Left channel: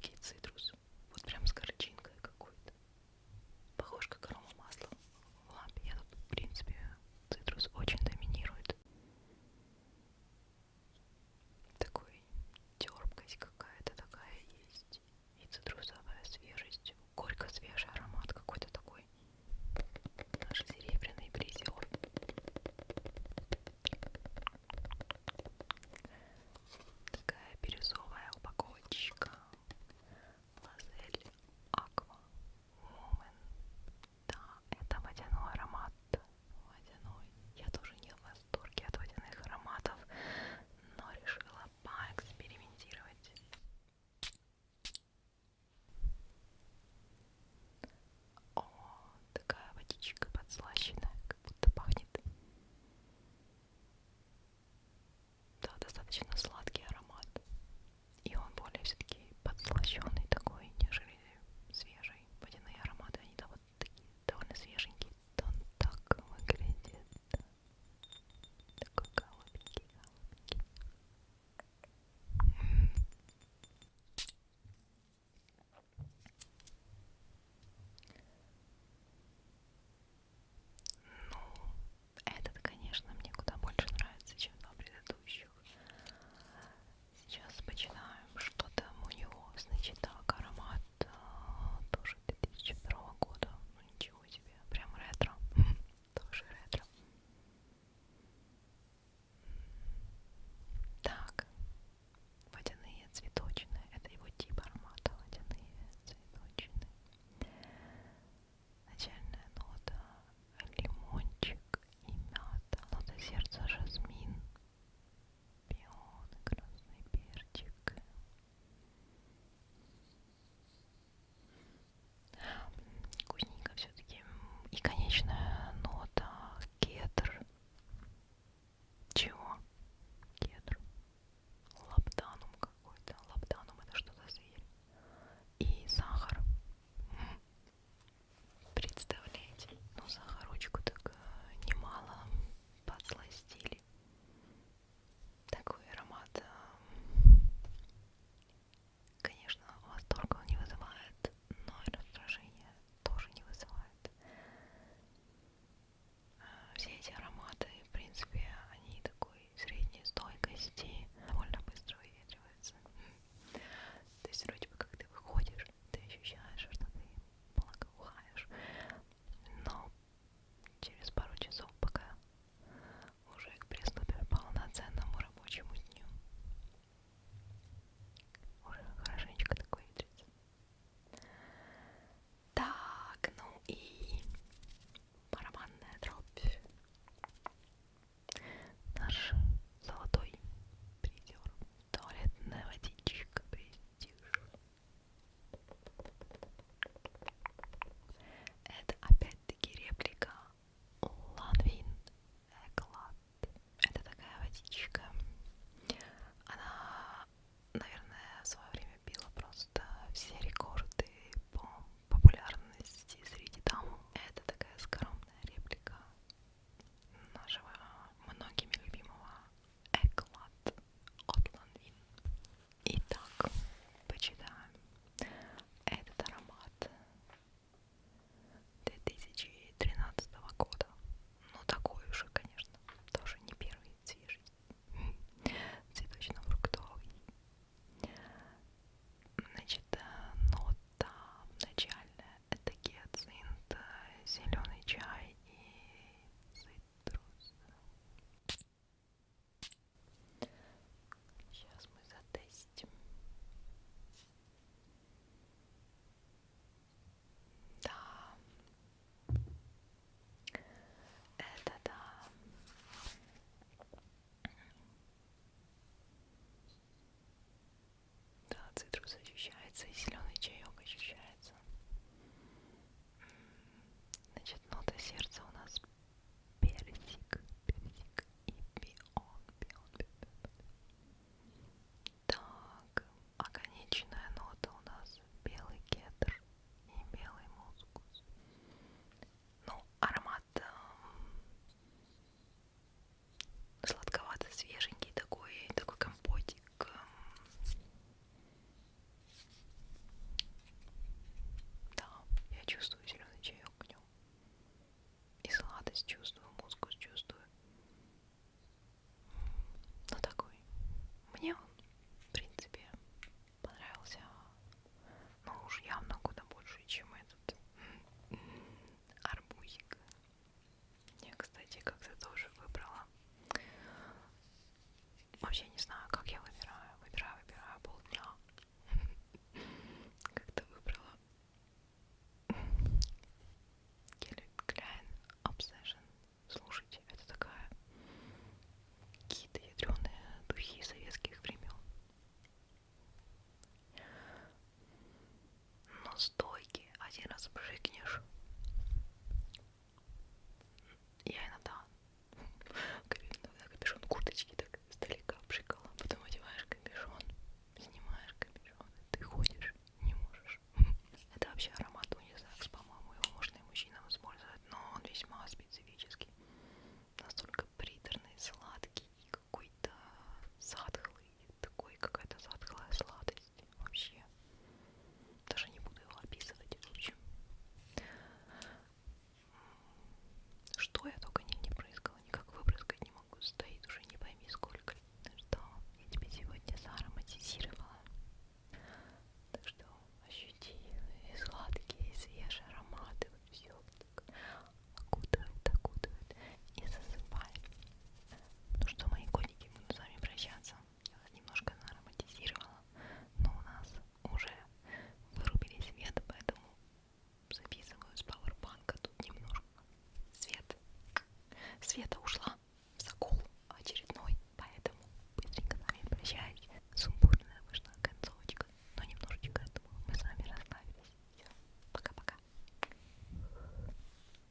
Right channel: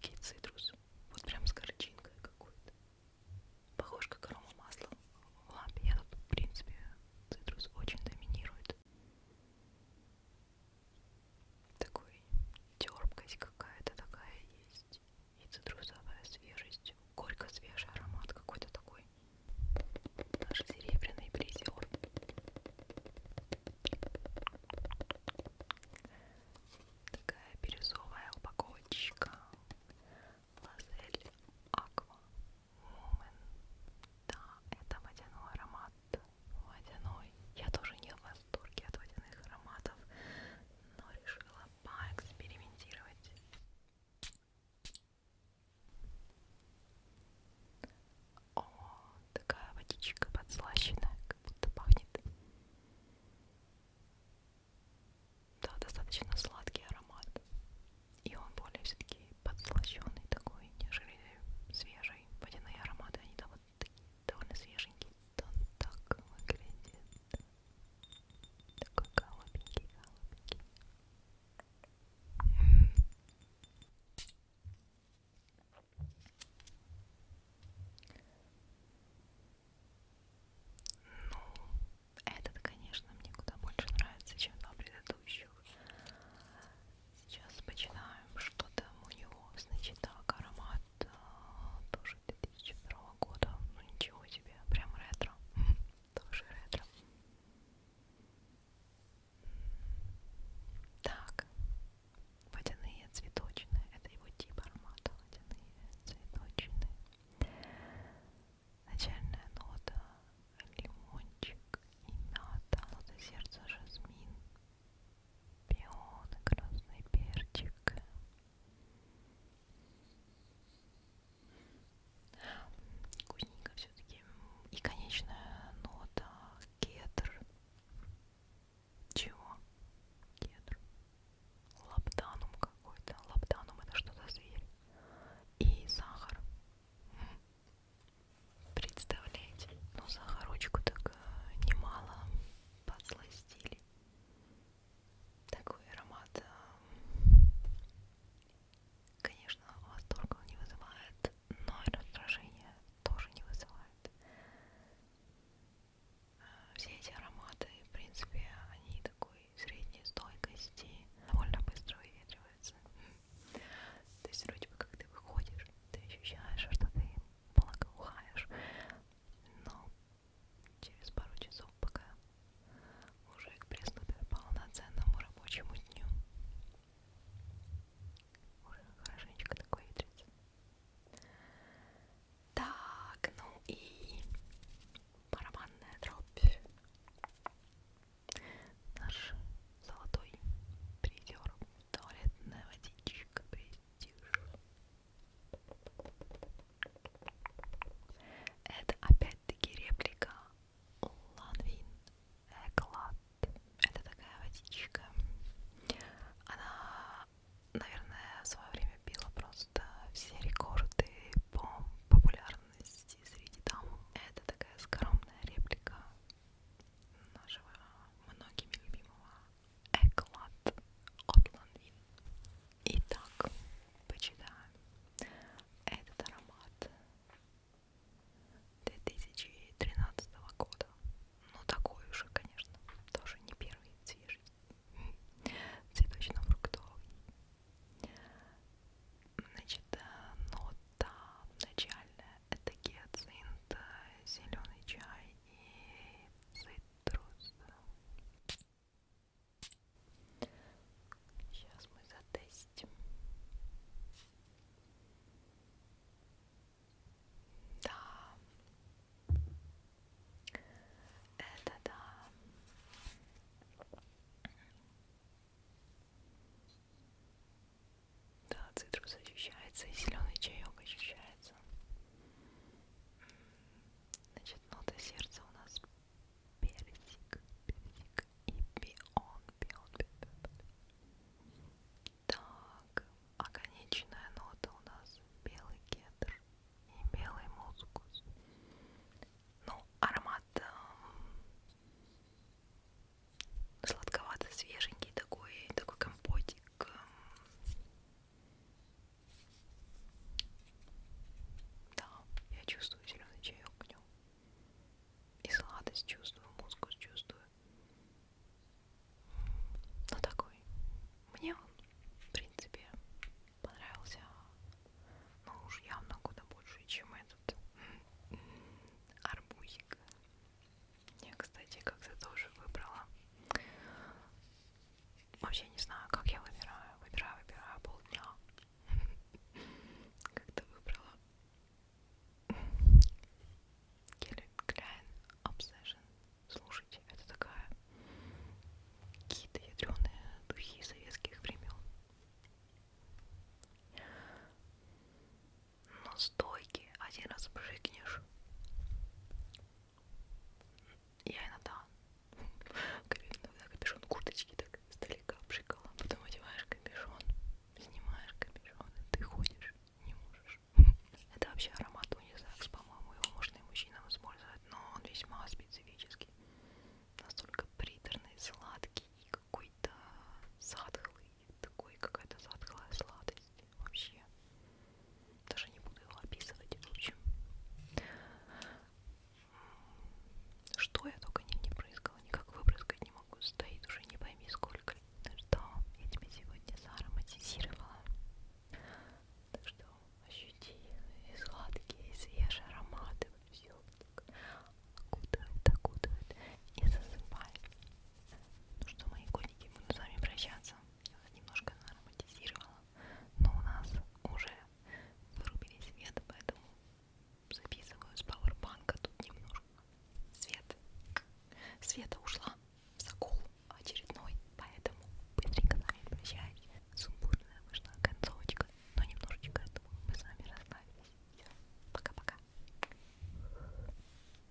легкий цитрус. Вот прям с горчинкой какой-то. Похож как арома масла в лампе. Я тут, в принципе, цитрус очень доминирует. Такой терпкость какая-то такая есть. И цитрусовая свежесть. Горько-свежий аромат какой-то такой. Наш серебряный призер. Такая бирюзовая упаковочка. Лазель Аква Woman. Да, это водяной аромат. Водяной. Я тоже не в восторге от водяных ароматов, но решила поэкспериментировать. О, такая водичка подслащенная, как будто пахнет. Да, достаточно сладкий аромат. И он более все-таки подслащенный такой, нежели свежий. Водяные ароматы, они да, вот такие довольно свеженькие. Он так выглядит. Такой голубенький, голубенький. Ну, этот, конечно, мне куда больше нравится, чем два предыдущих. Сейчас починаем, что там у него. Значит, так, аромат тоже 2002 года. Ну ничего себе, прям ретро. Тоже ретро. Так, водяные цветочные. Это его тип аромата. Водяные цветочные. Начальная нота лимончик и мята. Нота сердца жасмин. Пион и красный перчик. Вкусненько все-таки. И конечная нота кедр. Чего? Кедр. Лабданум какой-то. Лабданум это что за зверь? И сахар. Представляете? Ну сахарочку так немало подсластили. Такой аромат, конечно, восторга он не вызывает, но и раздражения тоже не вызывает. Все эти ароматы, в принципе, они такой средней стойкости, довольно быстро выветриваются. То есть вроде бы как ты выходишь, ты ощущаешь, что ты благоухаешь, но через пару часов, пока уже приступишь к полноценному рабочему дню, уже хорошенечко такой ветрится. Так, ну и барабанная дробь. Наш золотой призер. Туалетная водичка престиж. Это опять-таки реплика Ланвин Эклад. Это такая водичка. Она, наверное, в свое время била просто все рекорды по популярности среди дам. Это такая скромная реплика нашего многими любимого Эклад от Ланвин. Итак, почитаем этот аромат 2013 года. Ну такой уже, конечно, тоже не первый свежий. Цветочно-фруктовый. Значит, нота начальная это гиацинт, зеленый чай и цитрус. Сейчас мы затестим. Да, это да. Да, цитрусы